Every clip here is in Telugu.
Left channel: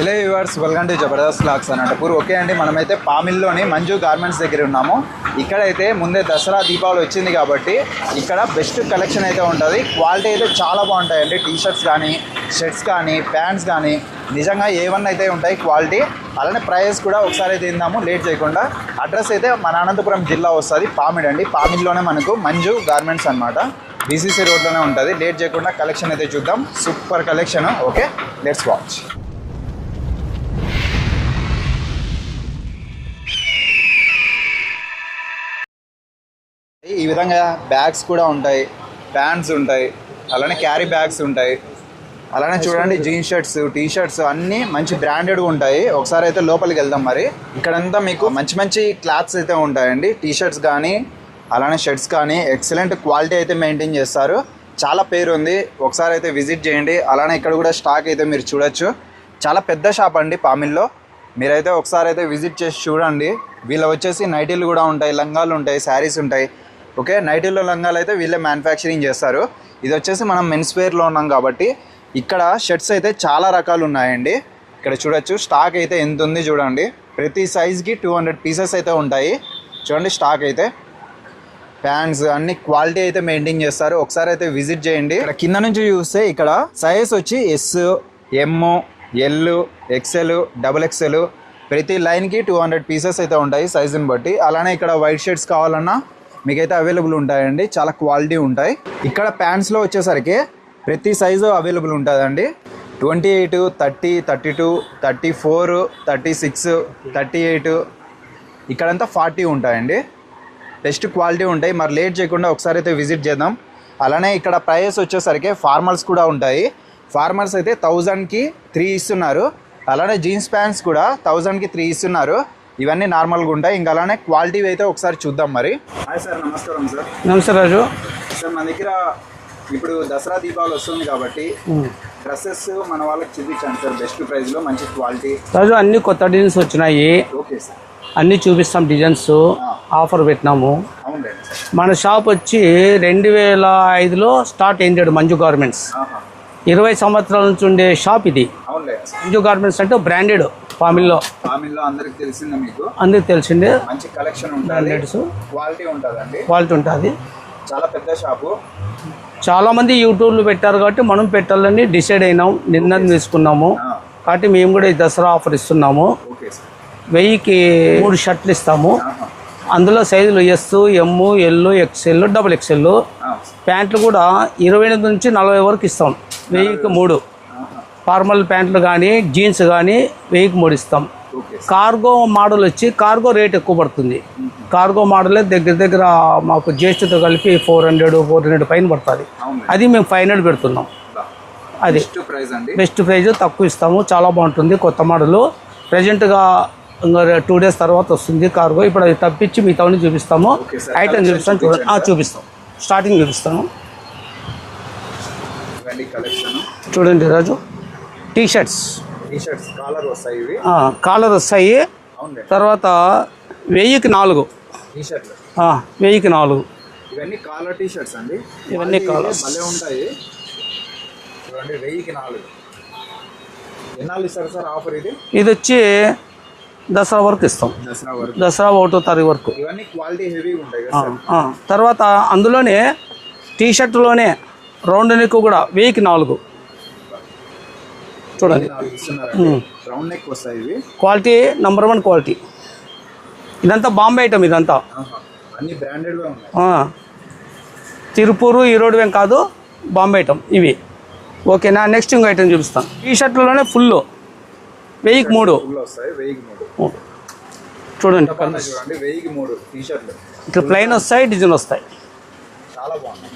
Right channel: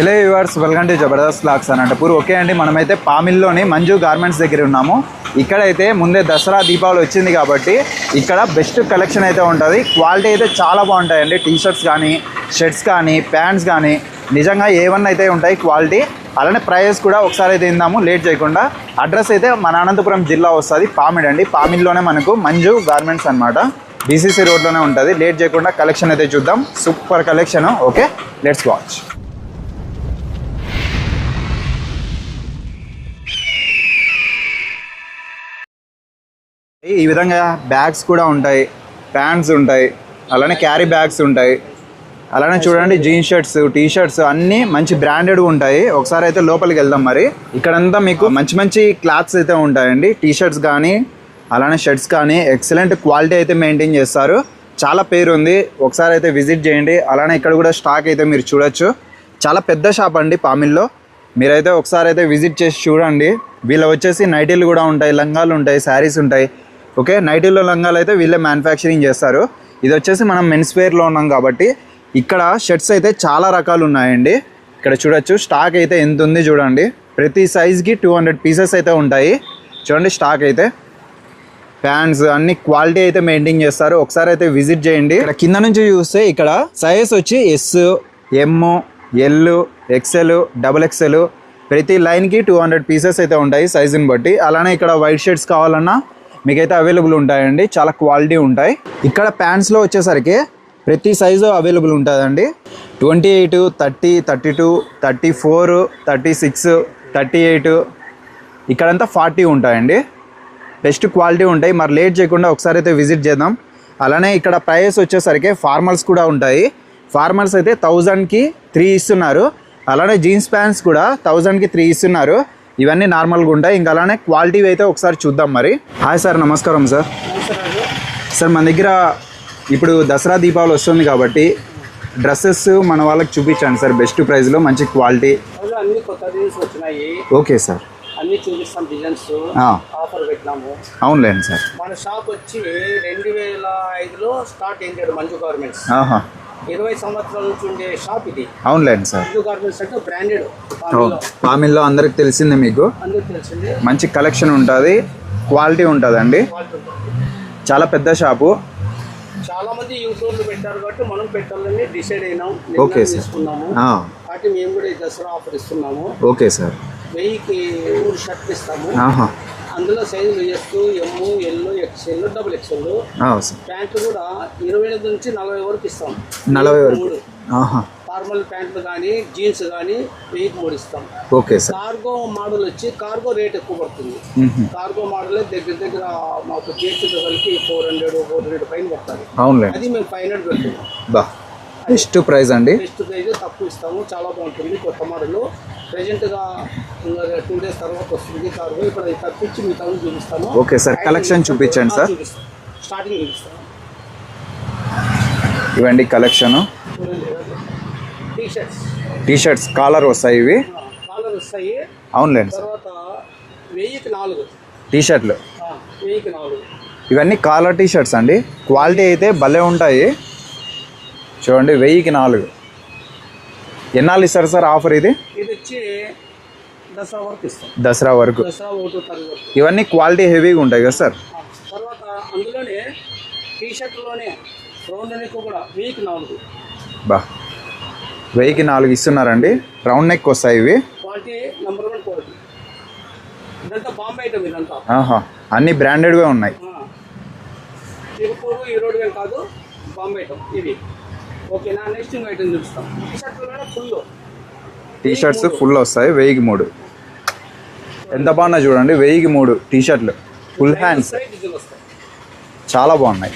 Hello viewers, welcome to Jabardasth vlogs Anantapur. Okay అండి, మనమైతే పామిల్లోని మంజు గార్మెంట్స్ దగ్గర ఉన్నాము. ఇక్కడైతే ముందే దసరా దీపావళి వచ్చింది కాబట్టి ఇక్కడ బెస్ట్ కలెక్షన్ అయితే ఉంటుంది. క్వాలిటీ అయితే చాలా బాగుంటాయండి. టీషర్ట్స్ కానీ, షర్ట్స్ కానీ, ప్యాంట్స్ కానీ నిజంగా A1 అయితే ఉంటాయి క్వాలిటీ. అలానే ప్రైస్ కూడా ఒకసారి అయితే తిందాము లేట్ చేయకుండా. అడ్రస్ అయితే మన అనంతపురం జిల్లా వస్తుంది, పామిడ్ అండి. పామిడ్లోనే మనకు మంజు గార్మెంట్స్ అనమాట, BCC రోడ్లోనే ఉంటుంది. లేట్ చేయకుండా కలెక్షన్ అయితే చూద్దాం. Super collection. Okay, let's watch. ఈ విధంగా బ్యాగ్స్ కూడా ఉంటాయి, ప్యాంట్స్ ఉంటాయి, అలానే క్యారీ బ్యాగ్స్ ఉంటాయి. అలానే చూడండి జీన్స్ షర్ట్స్, టీ షర్ట్స్ అన్నీ మంచి బ్రాండెడ్గా ఉంటాయి. ఒకసారి అయితే లోపలికి వెళ్దాం. మరి ఇక్కడంతా మీకు మంచి మంచి క్లాత్స్ అయితే ఉంటాయండి. టీ షర్ట్స్ కానీ అలానే షర్ట్స్ కానీ ఎక్సలెంట్ క్వాలిటీ అయితే మెయింటైన్ చేస్తారు. చాలా పేరు ఉంది, ఒకసారి అయితే విజిట్ చేయండి. అలానే ఇక్కడ కూడా స్టాక్ అయితే మీరు చూడొచ్చు. చాలా పెద్ద షాప్ అండి పామిల్లో. మీరైతే ఒకసారి అయితే విజిట్ చేసి చూడండి. వీళ్ళ వచ్చేసి నైటీలు కూడా ఉంటాయి, లంగాలు ఉంటాయి, శారీస్ ఉంటాయి. ఓకే, నైటీల్లో లంగాలు అయితే వీళ్ళే మ్యానుఫ్యాక్చరింగ్ చేస్తారు. ఇది వచ్చేసి మనం మెన్స్ వేర్లో ఉన్నాం కాబట్టి ఇక్కడ షర్ట్స్ అయితే చాలా రకాలు ఉన్నాయండి. ఇక్కడ చూడొచ్చు స్టాక్ అయితే ఎంత ఉంది చూడండి. ప్రతి సైజ్కి 200 పీసెస్ అయితే ఉంటాయి. చూడండి స్టాక్ అయితే. ప్యాంట్స్ అన్ని క్వాలిటీ అయితే మెయింటైన్ చేస్తారు. ఒకసారి అయితే విజిట్ చేయండి. ఇక్కడ కింద నుంచి చూస్తే ఇక్కడ సైజ్ వచ్చి S, M, L, XL, XXL ప్రతి లైన్కి 200 పీసెస్ అయితే ఉంటాయి సైజుని బట్టి. అలానే ఇక్కడ వైట్ షర్ట్స్ కావాలన్నా మీకైతే అవైలబుల్ ఉంటాయండి, చాలా క్వాలిటీ ఉంటాయి. ఇక్కడ ప్యాంట్స్లో వచ్చేసరికి ప్రతి సైజు అవైలబుల్ ఉంటుందండి. 28, 30, 32, 34, 36, 38, ఇక్కడంతా 40 ఉంటాయండి. బెస్ట్ క్వాలిటీ ఉంటాయి. మరి లేట్ చేయకుండా ఒకసారి అయితే విజిట్ చేద్దాం. అలానే ఇక్కడ ప్రైస్ వచ్చేసరికి ఫార్మల్స్ కూడా ఉంటాయి. ఫార్మల్స్ అయితే 1000కి 3 ఇస్తున్నారు. అలానే జీన్స్ ప్యాంట్స్ కూడా 1000కి 3 ఇస్తున్నారు. ఇవన్నీ నార్మల్గా ఉంటాయి. ఇంకా అలానే క్వాలిటీ అయితే ఒకసారి చూద్దాం. మరి హాయ్ సార్, నమస్కారం సార్. నమస్తే రాజు. సార్ మన దగ్గర ఇప్పుడు దసరా దీపావళి వస్తుంది కాబట్టి డ్రెస్సెస్ మన వాళ్ళకి చూపించండి సార్, బెస్ట్ ప్రైస్లో మంచి క్వాలిటీ. రాజు అన్ని కొత్త డిజైన్స్ వచ్చినాయి. ఓకే సార్, అన్ని చూపిస్తాం. డిజైన్స్ ఆఫర్ పెట్టినాము. అవునులేండి సార్. మన షాప్ వచ్చి 2005లో స్టార్ట్ అయింది మంజు గార్మెంట్స్. 20 సంవత్సరాల నుంచి ఉండే షాప్ ఇది. అవునులేండి సార్. మంజు గార్మెంట్స్ అంటే బ్రాండెడ్ పామిల్లో అందరికి తెలిసిందే, మీకు అందరికి తెలిసిందే. మంచి కలెక్షన్ ఉంటుంది, క్వాలిటీ ఉంటుందండి. క్వాలిటీ ఉంటుంది. చాలా పెద్ద షాపు. చాలా మంది యూట్యూబ్లో పెట్టారు కాబట్టి మనం పెట్టాలని డిసైడ్ అయినాం, నిర్ణయం తీసుకున్నాము. కాబట్టి మేము కూడా ఈ దసరా ఆఫర్ ఇస్తున్నాము. Okay sir. 1000కి 3 షర్ట్లు ఇస్తాము. అందులో సైజులు S, M, L, XL, XXL. ప్యాంట్లు కూడా 28 నుంచి 40 వరకు ఇస్తాం. 1000కి 3 ఫార్మల్ ప్యాంట్లు కానీ జీన్స్ కానీ 1000కి 3 ఇస్తాం. ఓకే. కార్గో మోడల్ వచ్చి కార్గో రేట్ ఎక్కువ పడుతుంది. కార్గో మోడలే దగ్గర మాకు జిఎస్టీతో కలిపి 400 పైన పడుతుంది. అది మేము 500 పెడుతున్నాం. అది బెస్ట్ ప్రైస్ అండి. బెస్ట్ ప్రైస్ తక్కువ ఇస్తాము. చాలా బాగుంటుంది. కొత్త మోడల్ ప్రజెంట్గా ఇంకా 2 days తర్వాత వస్తుంది కార్గో. ఇప్పుడు అది తప్పించి మిగతా చూపిస్తాము. చూపిస్తాం. స్టార్టింగ్ చూపిస్తాము. ఇవ్వండి కలెక్షన్ చూడండి రాజు. టీ షర్ట్స్ కాలర్ వస్తాయి. ఇవి కాలర్ వస్తాయి. అవునులేండి. తర్వాత 1000కి 4 టీ షర్ట్లు. 1000కి 4 ఇవన్నీ కాలర్ టీ షర్ట్స్ అండి. క్వాలిటీ అయితే భలే ఉంటాయి. చూడండి 1000కి 4. ఎన్నాళ్ళు ఇస్తారు సార్ ఆఫర్ ఇది? ఇది వచ్చి దసరా వరకు ఇస్తాం. దసరా 1వ తారీఖు వరకు. ఇవన్నీ క్వాలిటీ హెవీగా ఉంటాయి కదా సార్. తర్వాత అందులోనే టీ షర్ట్లోనే రౌండ్ నెక్ కూడా 1000కి 4. 1000కి 4 ఇస్తున్నారండి. రౌండ్ నెక్ వస్తాయి ఇవి. Quality number 1 quality. ఇదంతా బాంబే ఐటమ్. ఇదంతా అన్ని బ్రాండెడ్గా ఉన్నాయి. తిరుపూరు ఈరోడు ఏం కాదు, బాంబే ఐటమ్ ఇవి. ఓకేనా. నెక్స్ట్ ఇంకో ఐటమ్ చూపిస్తాను. టీ షర్ట్లోనే ఫుల్ 1000కి 3 ఫుల్ వస్తాయి. 1000కి 3 చూడండి. ఎంత బాగున్నా చూడండి. 1000కి 3 టీ షర్ట్లు. ప్లెయిన్ వస్తాయి, డిజైన్ వస్తాయి. చాలా బాగున్నాయి.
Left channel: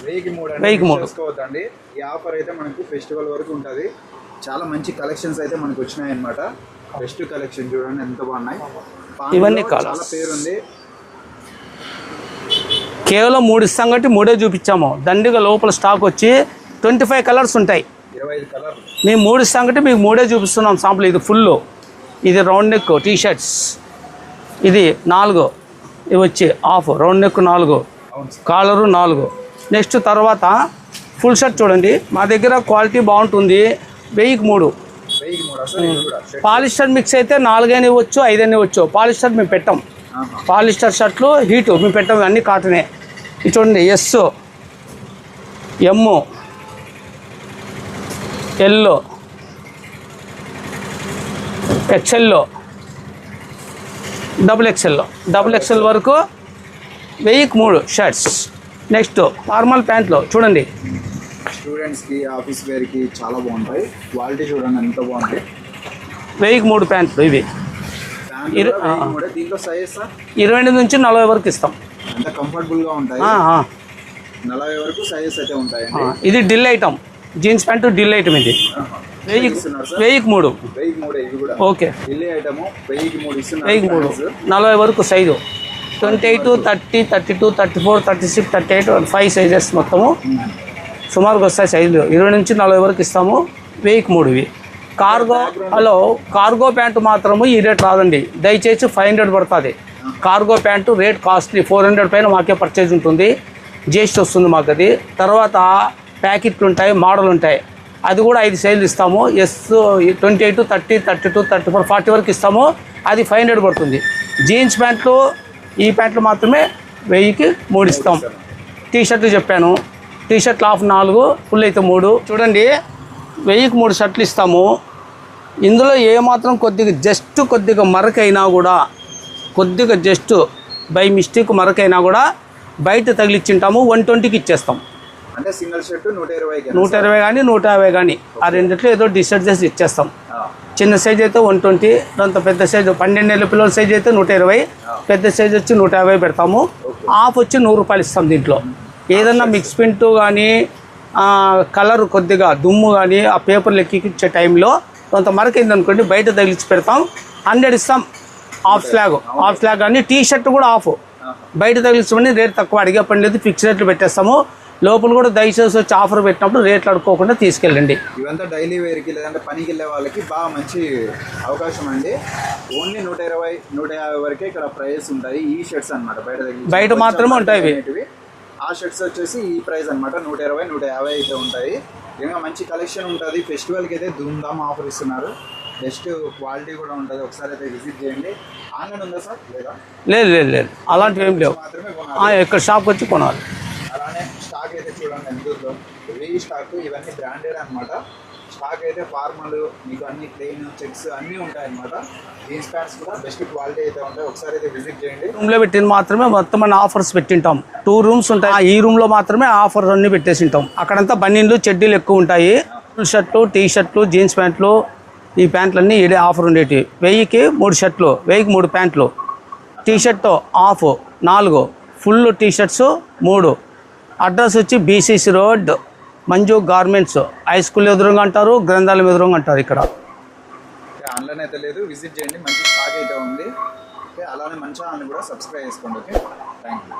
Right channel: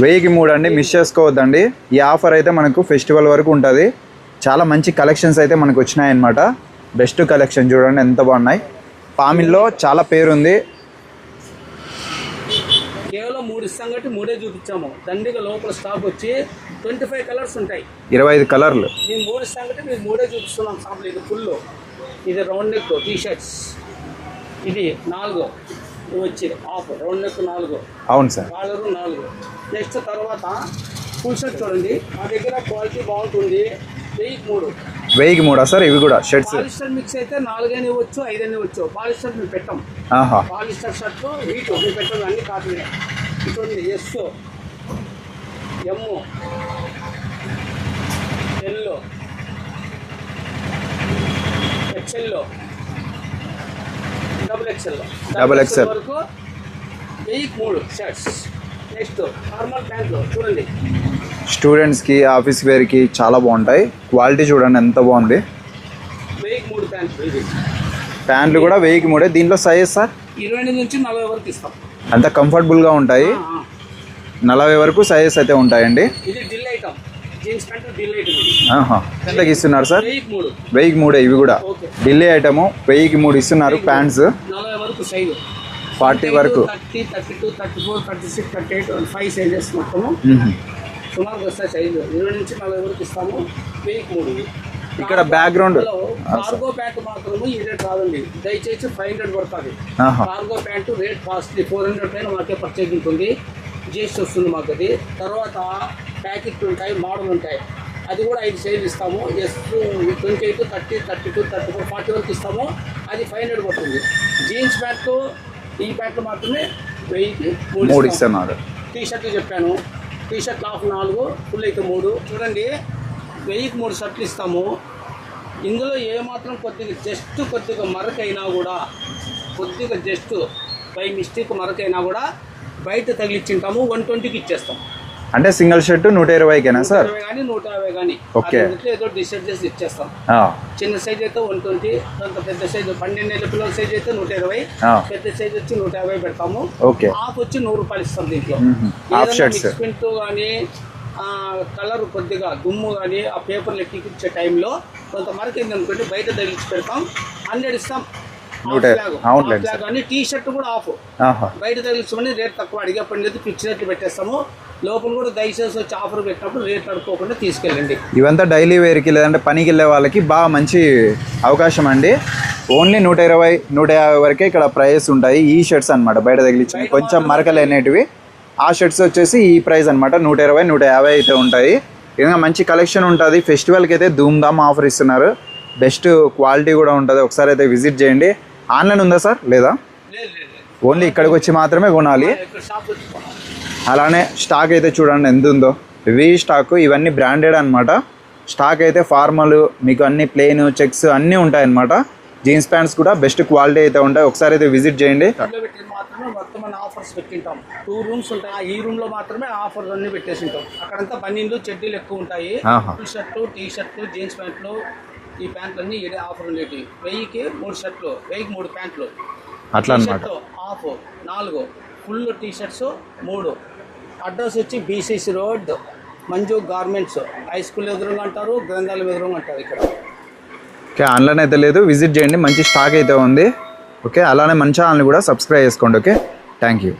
1000కి 3 అండి. మిస్ చేసుకోవద్దండి. ఈ ఆఫర్ అయితే మనకు ఫెస్టివల్ వరకు ఉంటుంది. చాలా మంచి కలెక్షన్స్ అయితే మనకు వచ్చినాయి అన్నమాట. బెస్ట్ కలెక్షన్ చూడండి ఎంత బాగున్నాయి. పామిల్లో చాలా పేరుంది. కేవలం 3 ఇస్తాం కాబట్టి 3 చూపించాము. దండిగా లోపల స్టాక్ వచ్చి 25 కలర్స్ ఉంటాయి. 25 కలర్లు. మేము 3 ఇస్తాం కాబట్టి మీకు 3 చూపిస్తున్నాం సాంపుల్. ఇది ఫుల్, ఇది రౌండ్ నెక్ టీ షర్ట్స్, ఇది 4, ఇవి వచ్చి హాఫ్ రౌండ్ నెక్ 4. అవును సార్. కాలరు 4. నెక్స్ట్ తర్వాత ఫుల్ షర్ట్ చూడండి. మా దగ్గర క్వాలిటీ బాగుంటుంది. 1000కి 3. 1000కి 3 సార్ ఇవి కూడా షర్ట్స్? పాలిస్టర్ మిక్స్ అయితే 4 అయినా ఇవ్వచ్చు, 5 అయినా ఇవ్వచ్చు. పాలిస్టర్ మేము పెట్టాం. పాలిస్టర్ షర్ట్లు హీటు మేము పెట్టాం, అన్నీ కాటనే. ఇది చూడండి, ఎస్, ఎమ్, ఎల్, ఎక్స్ఎల్, డబుల్ ఎక్స్ఎల్ వరకు 1000కి 3 షర్ట్స్. నెక్స్ట్ నార్మల్ ప్యాంట్లు చూడండి, స్టూడెంట్స్కి ఆఫీస్ వేర్కి చాలా బాగుంటాయి. క్వాలిటీ చూడండి ఎంత బాగుంది. 1000కి 3 ప్యాంట్లు. ఇవి ప్యాంట్లు కూడా 1000కి 3. దీంట్లో సైజ్ సార్ 28 నుంచి 40 వరకు ఇస్తాం. అంత కంఫర్టబుల్గా ఉంటాయి. 40 వరకు సైజెస్ అయితే ఉంటాయండి. ఇది dill item, jeans pant dill item. ఇది ఇస్తున్నారు సార్ 1000కి 3. 1000కి 3 ఇవి కూడా ఓకే. ఢిల్లీ ఐటమ్ 1000కి 3 ఇస్తున్నారు. ప్యాంట్స్ 40 వరకు సైజు, 28, 30, 32, 34, 36, 38, 5 సైజెస్ మొత్తము సుమారుగా వస్తాయి సైజులు. 20 నుంచి 40 వరకు ఇస్తాము. 1000కి 3 ఇవి. కార్గోలో కార్గో ప్యాంటు మాత్రము ఈ రేట్ రాదండి, దయచేసి 500 పడుతుంది. కార్గో ప్యాంటు రేట్ కాస్ట్లీ, 400 పైన మాకే పర్చేజ్ ఉంటుంది. జిఎస్టీ వస్తుంది మాకు. అది తర్వాత ప్యాకెట్లు ఉంటాయి, మోడల్ ఉంటాయి, అది కూడా 5 సైజులు ఇస్తాము. ఎస్ 28, 30, 32, 34, 40 వరకు ఇస్తాము. అది 500 పడుతుంది. జీన్స్ ప్యాంట్లు ఈ ప్యాంట్లు మాత్రమే 1000కి 3 ఇస్తాం. టీ షర్ట్లు చెప్పాను, టీ షర్ట్లు హాఫ్ 4, ఫుల్ అయితే 3. చూడండి, 1000కి 3 షర్ట్లు ఇస్తాము. ఇందులో ఏమాత్రం కొద్దిగా మరకైనా కూడా, కొద్దిగా జస్ట్ బై మిస్టేక్ మరకైనా కూడా బయట తగిలిచ్చింటాము, 120కి ఇచ్చేస్తాం. అంటే సింగిల్ షర్ట్ 120 కానీ 150 కానీ ఆ రెండిట్లో ఏదో డిసైడ్ చేసి ఇచ్చేస్తాం. చిన్న సైజ్ అయితే 120, అంత పెద్ద సైజు 12 ఏళ్ళ పిల్లల సైజ్ అయితే 120, పెద్ద సైజ్ వచ్చి 150 పెడతాము. హాఫ్ వచ్చి 100 రూపాయలు ఇస్తాం. దీంట్లో ఏదైనా మిక్స్ ప్రింట్ కానీ కలర్ కొద్దిగా దుమ్ము కానీ ఆ పేపర్లు ఎక్కిచ్చే టైంలో కొంత మరకైంది అనుకోండి, బయట తగిలిచ్చి పెడతాం. 100 ఇస్తాం. హాఫ్ ఫ్లాగ్ కానీ టీ షర్ట్ కూడా ఆఫ్, బయట తగిలించమని రేట్ తక్కువ అడిగే పని లేదు, ఫిక్స్ రేట్లు పెట్టేస్తాము. లోపల కూడా దయచేసి వచ్చి ఆఫర్ పెట్టినప్పుడు రేట్లు అడుక్కోకుండా తీసుకెళ్ళండి. ఇవంతా డైలీ వేర్కి లేదంటే పనికి వెళ్ళే వాళ్ళకి బాగా మంచి అవకాశం అండి. ఓన్లీ 120, 150 వరకే ఇక్కడ ప్రైస్ ఉంటాయి. ఈ షర్ట్స్ అనమాట బయట తగిలించి ఆ షర్ట్స్ వచ్చేసి ఈ ప్రైస్ అనమాట 120, 150 అయితే ఉంటాయి. ఇంకా మంచి కలెక్షన్ ఉంటుంది. ఫెస్టివల్కి అయితే ధూమ్ ధామ్ ఆఫర్ ఇస్తున్నారు. బెస్ట్ క్వాలిటీ కూడా ఉంటుంది. ఒకసారి అయితే విజిట్ చేయండి. ఆన్లైన్ ఉందా సార్? లేదా? లేదు. ఓన్లీ ఇక్కడికి వచ్చి మాత్రమే కొనాలి, ఇక్కడ షాప్ వచ్చి కొనాలి. అలానే స్టాక్ అయితే చూడండి ఎంత ఉందో. ఇవి స్టాక్, ఇవన్నీ బ్రాండెడ్ అనమాట. స్టాక్ అయితే ఫార్మల్, మీకు అన్ని ప్లెయిన్ చెక్స్ అన్నీ ఉంటాయన్నమాట. జీన్స్ ప్యాంట్స్ కూడా బెస్ట్ క్వాలిటీ అయితే ఉంటాయి. ఒకసారి అయితే విజిట్ చేయండి. రూమ్లో పెట్టిన మాత్రమే మొత్తం అన్ని ఆఫర్స్ పెట్టింటాం. 2 రూమ్స్ ఉంటాయి. ఈ రూమ్లో మాత్రమే ఆఫర్స్ అన్ని పెట్టేసి ఉంటాం. అక్కడంతా బనీన్లు, చెడ్డీలు ఎక్కువ ఉంటాయి. ఫుల్ షర్ట్లు, టీ షర్ట్లు, జీన్స్ ప్యాంట్లు, ఈ ప్యాంట్లు అన్నీ ఇదే ఆఫర్ ఉండేవి. 1000కి 3 షర్ట్లు, 1000కి 3 ప్యాంట్లు. T shirt half 4, full T shirts 3. Address వచ్చి BCC road, Manju garments. High school ఎదురుగా అంటారు, గ్రంథాలయం ఎదురుగా అంటారు ఇక్కడ. ఓకే, ఆన్లైన్ అయితే లేదు, విజిట్ చేయండి. మంచి స్టాక్ అయితే ఉంది. ఓకే, అలానే మన ఛానల్ని కూడా సబ్స్క్రైబ్ చేసుకోండి. Okay, thank you.